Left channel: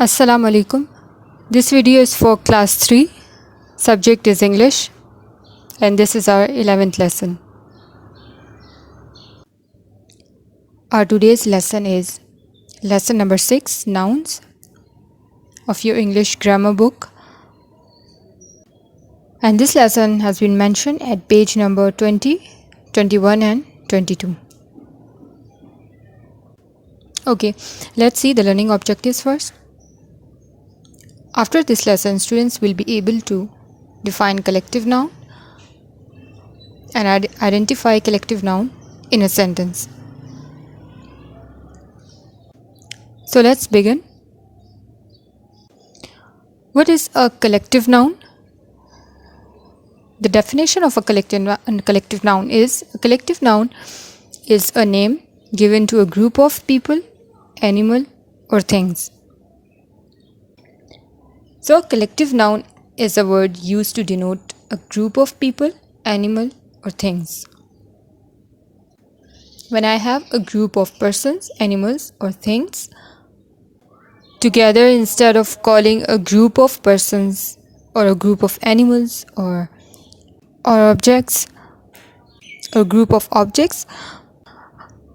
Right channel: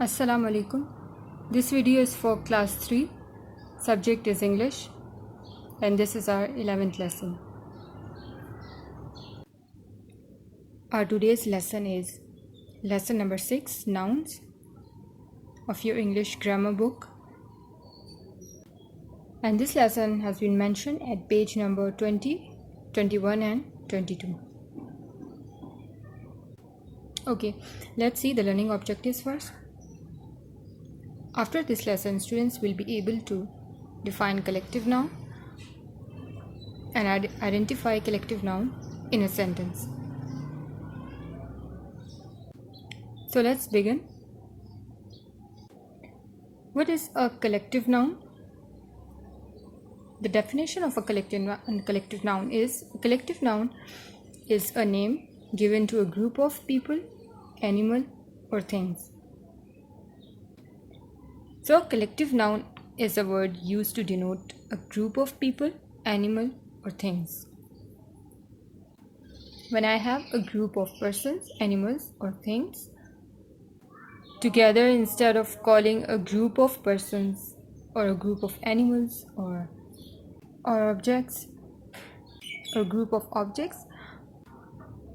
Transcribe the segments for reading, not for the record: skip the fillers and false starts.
Assalamu alaikum. This video is for class 3. Subject is English and this is our 11th lesson. Our today's lesson is lesson number 6, nouns, of your English grammar book. And this lesson has been mentioned at page number 20, 21 and 22. Okay, let's see the learning objectives first. After this lesson, students will be able to define collective noun and identify collective noun in a sentence. So let's begin. What is a collective noun? The definition of a collective noun is a collective noun is a name given to a group of people, animal, or things. So, collective noun is a word used to denote a group of people, animal, or things. When I have a group of persons, animals, or things together, instead of calling a group of persons or a group of animals or objects or group of objects,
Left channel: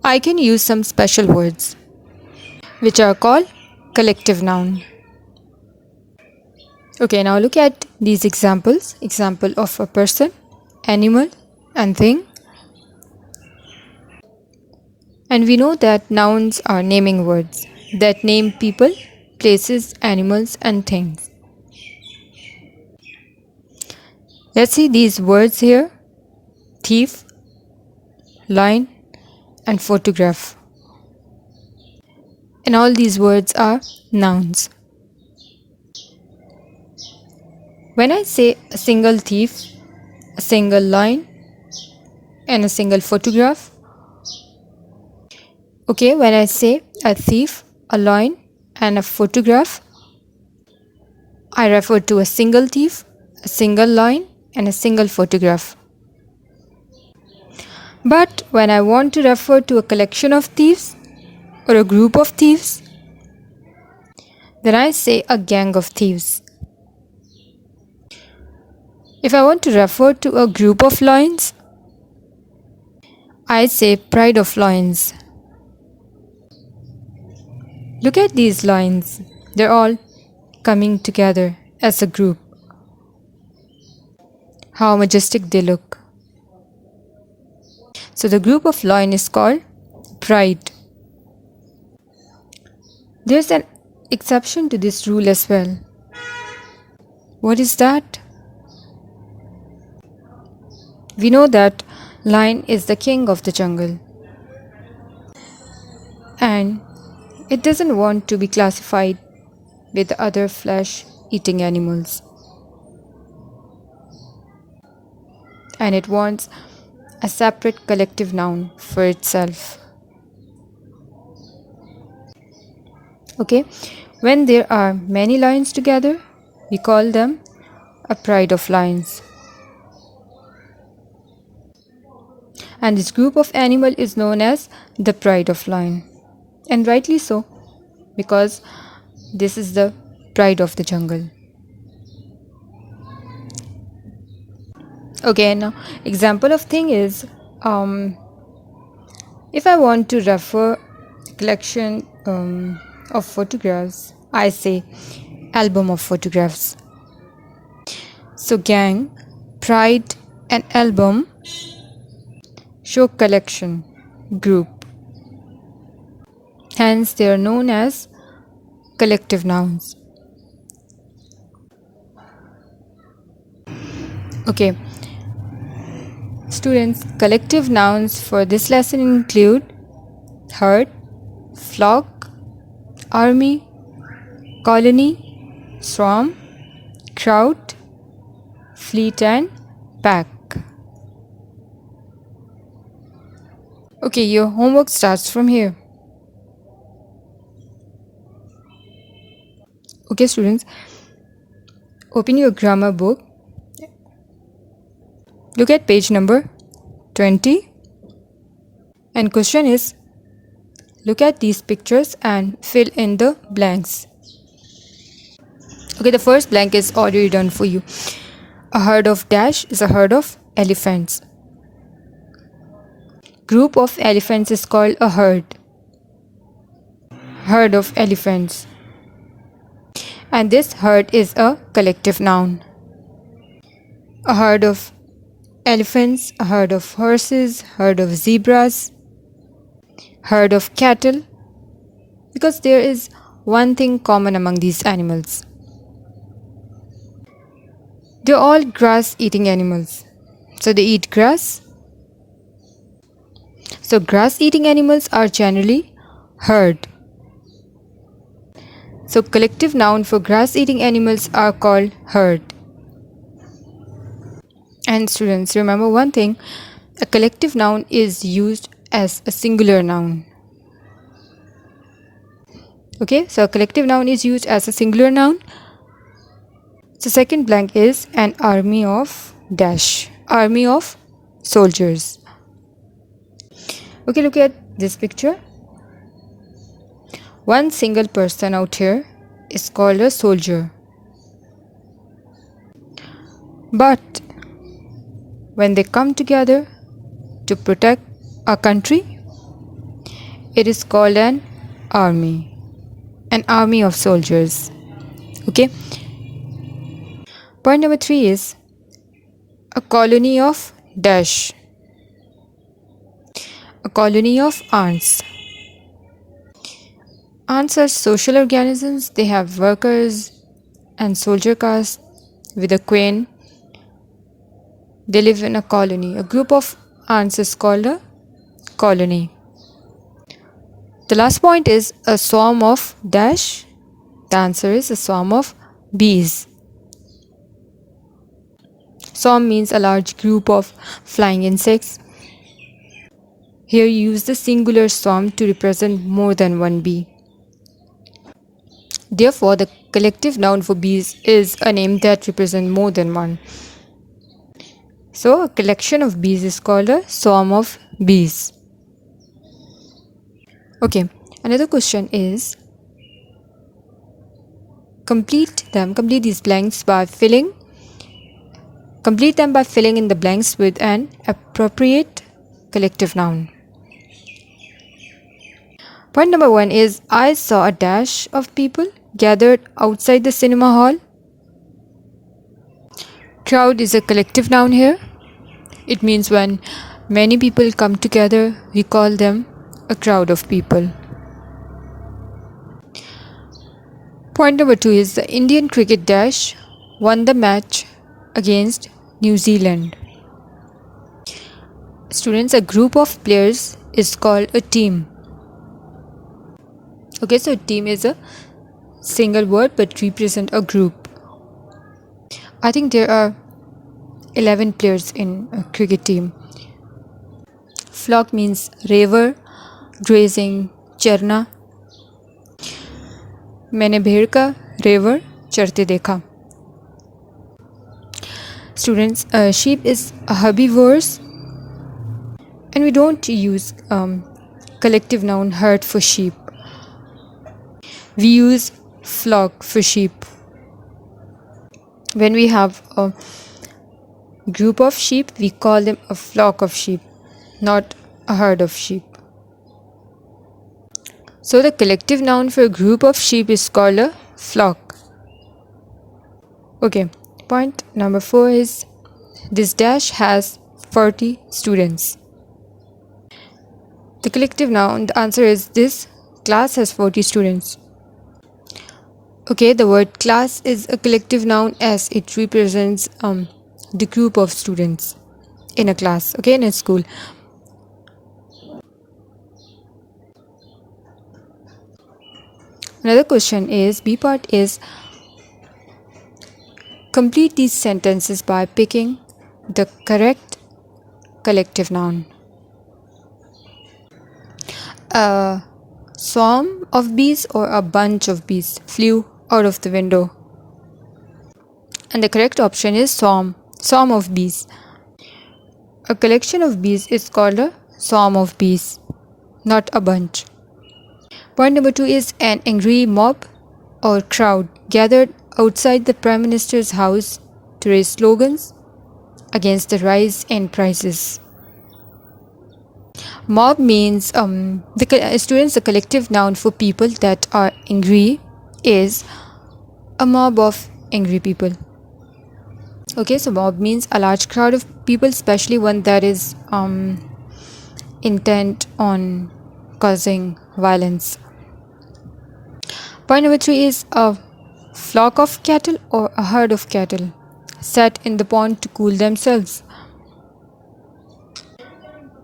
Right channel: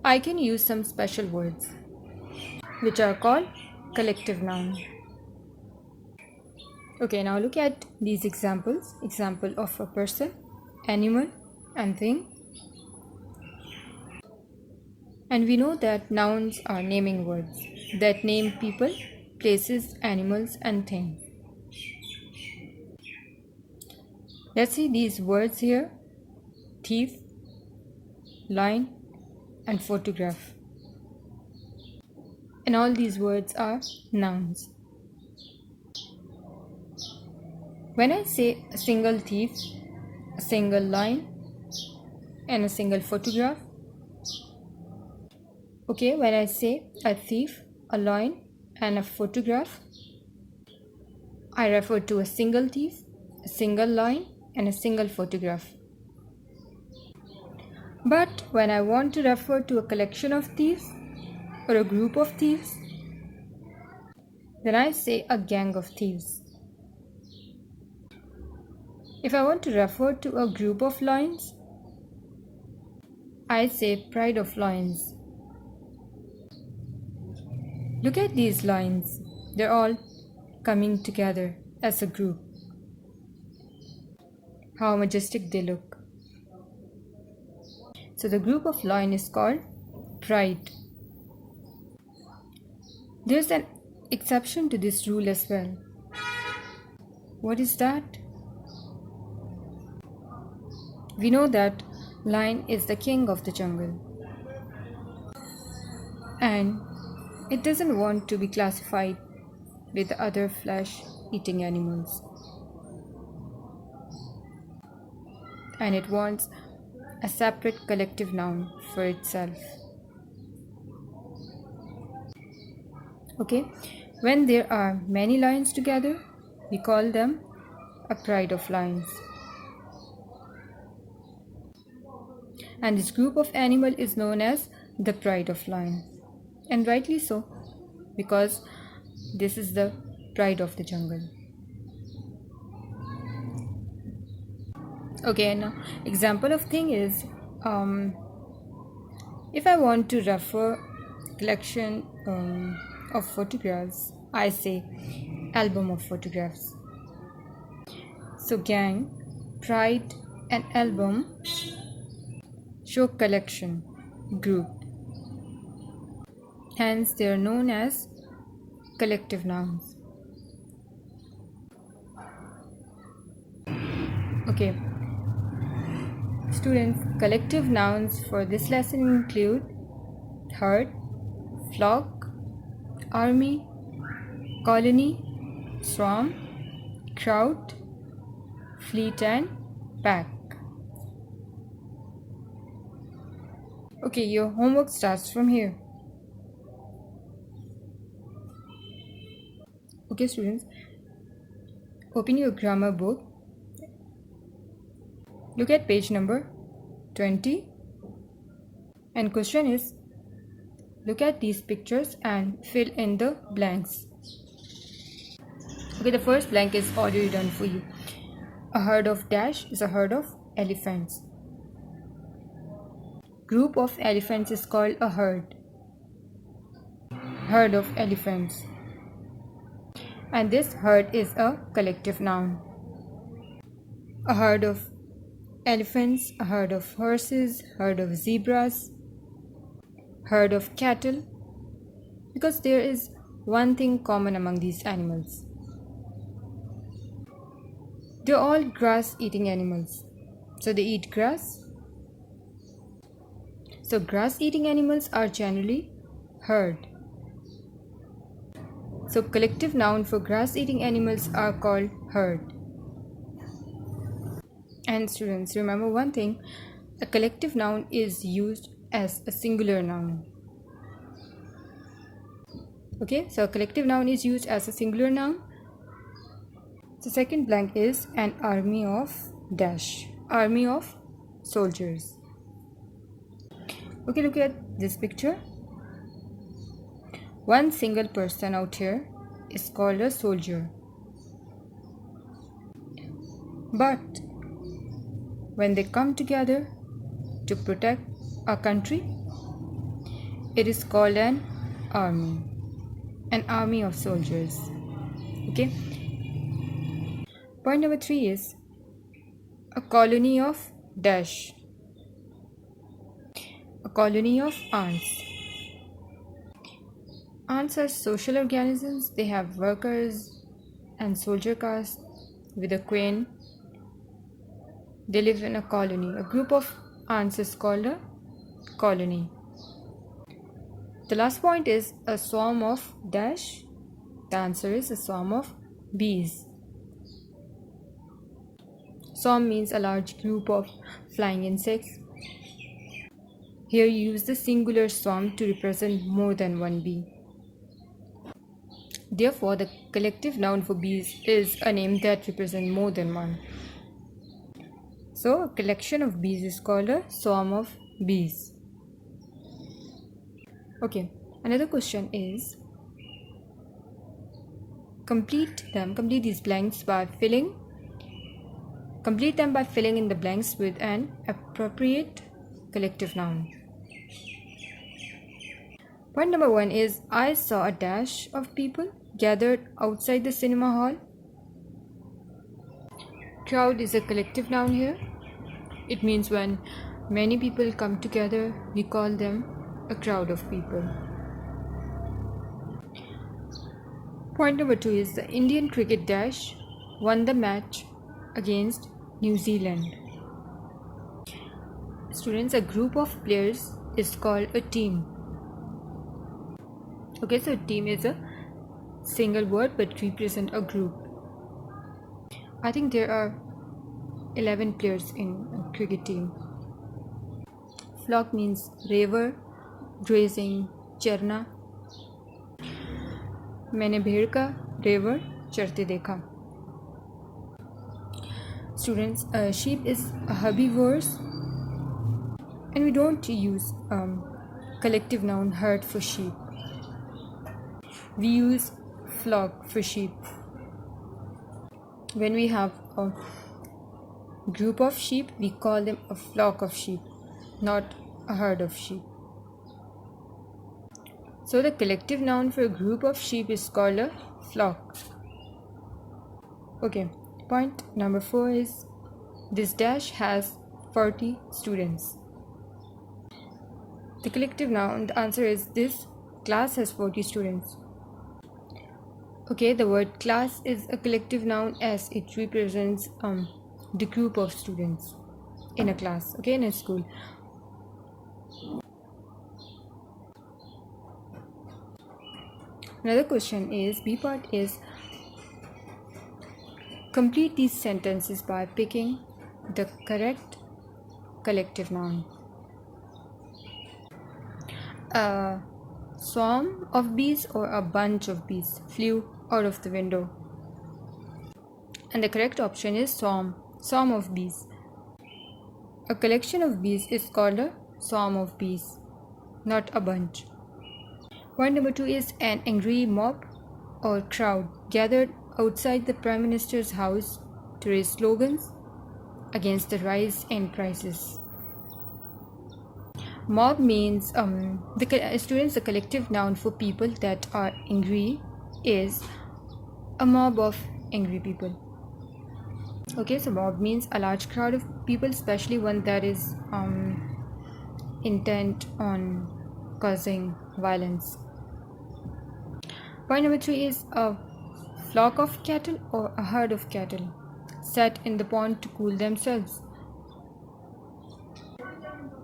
I can use some special words which are called collective noun. Okay, now look at these examples. Example of a person, animal, and thing. And we know that nouns are naming words that name people, places, animals, and things. Let's see these words here: thief, lion, and photograph. And all these words are nouns. When I say a single thief, a single lion, and a single photograph, okay, when I say a thief, a lion, and a photograph, I refer to a single thief, a single lion, and a single photograph. But when I want to refer to a collection of thieves or a group of thieves, then I say a gang of thieves. If I want to refer to a group of lions, I say pride of lions. Look at these lions. They're all coming together as a group. How majestic they look. So the group of lion is called pride. There's an exception to this rule as well. What is that? We know that lion is the king of the jungle, and it doesn't want to be classified with the other flesh-eating animals, and it wants a separate collective noun for itself. Okay, when there are many lions together, we call them a pride of lions. And this group of animal is known as the pride of lion. And rightly so, because this is the pride of the jungle. Okay, now example of thing is, if I want to refer collection of photographs, I say album of photographs. So gang, pride, and album show collection, group. Hence, they are known as collective nouns. Okay, students, collective nouns for this lesson include herd, flock, army, colony, swarm, crowd, fleet, and pack. Okay, your homework starts from here. Okay, students, open your grammar book. Look at page number 20. And question is, look at these pictures and fill in the blanks. Okay, the first blank is already done for you. A herd of dash is a herd of elephants. Group of elephants is called a herd. Herd of elephants. And this herd is a collective noun. A herd of elephants, a herd of horses, herd of zebras, herd of cattle, because there is one thing common among these animals. They're all grass-eating animals. So they eat grass. So grass-eating animals are generally herd. So collective noun for grass-eating animals are called herd. And students, remember one thing, a collective noun is used as a singular noun. Okay, so a collective noun is used as a singular noun. So second blank is an army of dash, army of soldiers. Okay, look at this picture. One single person out here is called a soldier. But when they come together to protect a country, it is called an army of soldiers. Okay. Point number 3 is a colony of dash, a colony of ants. Ants are social organisms. They have workers and soldier caste with a queen. They live in a colony. A group of ants is called a colony. The last point is a swarm of dash. The answer is a swarm of bees. Swarm means a large group of flying insects. Here you use the singular swarm to represent more than one bee. Therefore, the collective noun for bees is a name that represents more than one. So, a collection of bees is called a swarm of bees. Okay, another question is complete these blanks by filling in the blanks with an appropriate collective noun. Point number 1 is I saw a dash of people gathered outside the cinema hall. Crowd is a collective noun here. It means when many people come together, we call them a crowd of people. Point number 2 is the Indian cricket dash won the match against New Zealand. Students, a group of players is called a team. Okay, so team is a single word but represent a group. I think there are 11 players in a cricket team. Flock means raver, grazing, चरना. मैंने भेड़ का रेवर चरते देखा. Students, sheep is a herbivores, and we don't use collective noun herd for sheep. We use flock for sheep. When we have a group of sheep, we call them a flock of sheep, not a herd of sheep. So the collective noun for a group of sheep is called a flock. Okay, point number 4 is this dash has 40 students. The collective noun, the answer is this class has 40 students. Okay, the word class is a collective noun as it represents the group of students in a class, okay, in a school. Another question is, B part is complete these sentences by picking the correct collective noun. A swarm of bees or a bunch of bees flew out of the window. And the correct option is swarm of bees. A collection of bees is called a swarm of bees, not a bunch. Point number 2 is an angry mob or crowd gathered outside the Prime Minister's house to raise slogans against the rise in prices. Mob means students, a collective noun for people that are angry, is a mob of angry people. Okay, so mob means a large crowd of people, especially one that is intent on causing violence. Point number 3 is a flock of cattle or a herd of cattle set in the pond to cool themselves.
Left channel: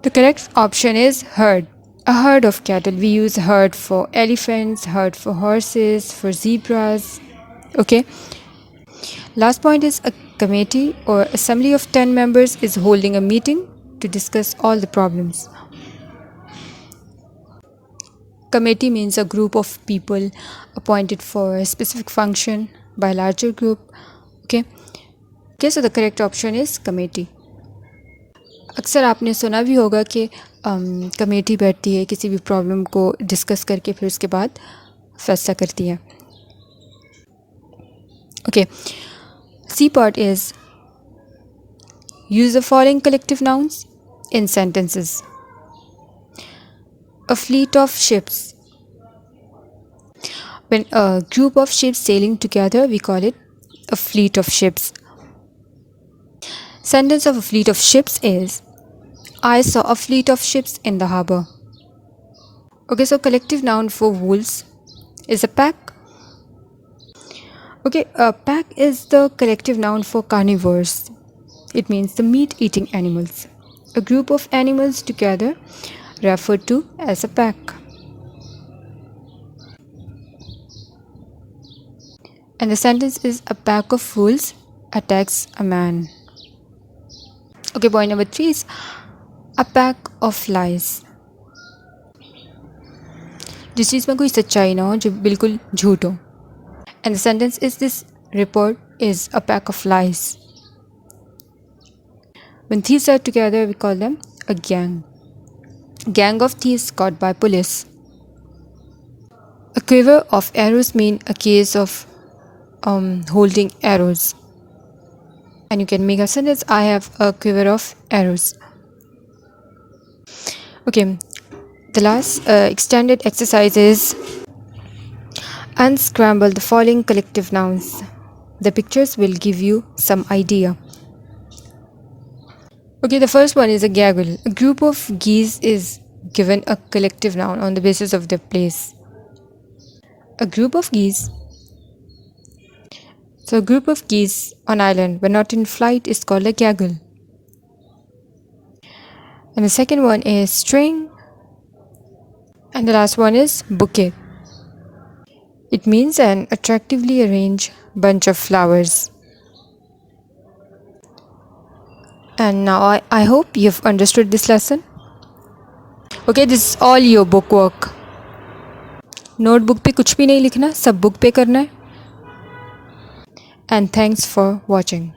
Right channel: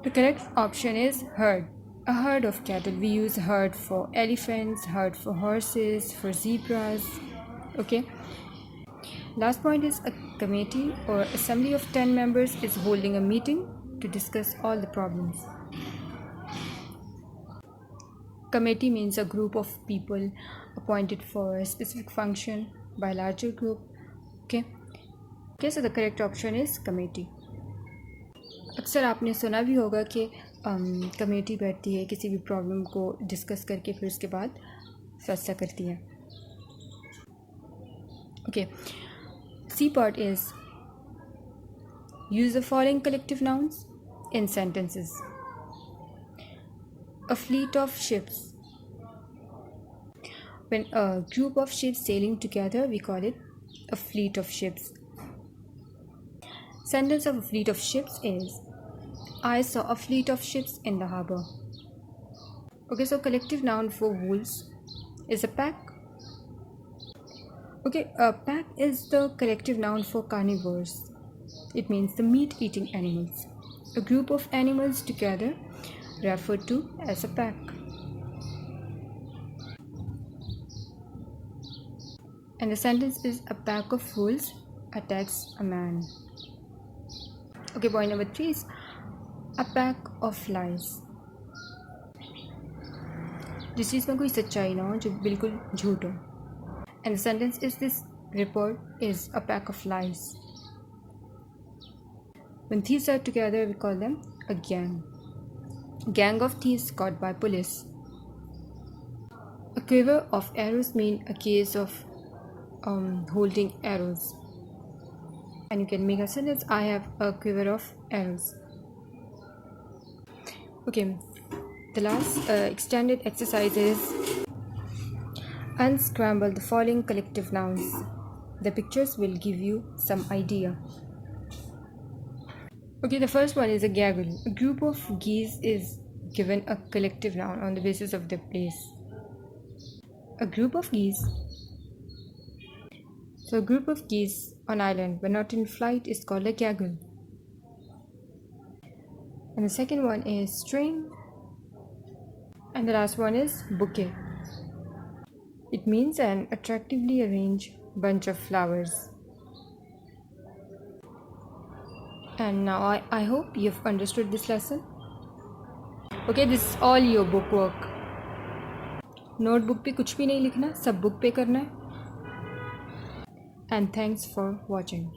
The correct option is herd. A herd of cattle. We use herd for elephants, herd for horses, for zebras. Okay. Last point is a committee or assembly of 10 members is holding a meeting to discuss all the problems. Committee means a group of people appointed for a specific function by a larger group. Okay, so the correct option is committee. अक्सर आपने सुना भी होगा कि committee बैठती है किसी भी प्रॉब्लम को डिस्कस करके फिर उसके बाद फैसला करती है. Okay, C part is use the following collective nouns in sentences. A fleet of ships. When a group of ships sailing together, we call it a fleet of ships. Sentence of a fleet of ships is I saw a fleet of ships in the harbor. Okay, so collective noun for wolves is a pack. Okay, a pack is the collective noun for carnivores. It means the meat-eating animals. A group of animals together referred to as a pack. And the sentence is a pack of wolves attacks a man. Okay, point number 3 is a pack of lies. जिस चीज़ में कोई सच्चाई ना हो जो बिल्कुल झूठ हो. And the sentence is this report is a pack of lies. When thieves are together, we call them a gang. Gang of thieves caught by police. A quiver of arrows mean a case of holding arrows. And you can make a sentence, I have a quiver of arrows. Okay, the last extended exercise is unscramble the following collective nouns. The pictures will give you some idea. Okay, the first one is a gaggle. A group of geese is given a collective noun on the basis of their place. A group of geese. So a group of geese on island but not in flight is called a gaggle. And the second one is string. And the last one is bouquet. It means an attractively arranged bunch of flowers. And now I hope you've understood this lesson. Okay, this is all your book work. Notebook पे कुछ भी नहीं लिखना, सब book पे करना है. And thanks for watching.